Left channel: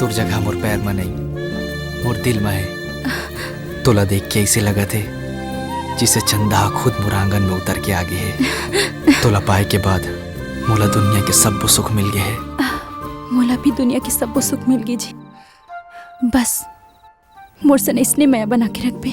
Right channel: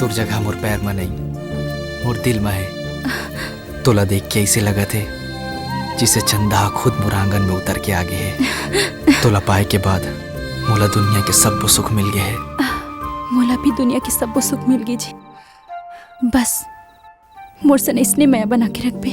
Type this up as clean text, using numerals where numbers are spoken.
तोर जगह मोर पैर में नहीं, मोर दिल में है। तोला देख के ऐसे लगा थे जिसे चंदा खुद मोर आंगन में उतर के आगे है। तोला पाए के बाद मोला दुनिया के सब सुख मिल गए है। मोला भी दुनिया के सब सुख मिल गए जी। बस मोर सन इसने मैं बना के रख पे।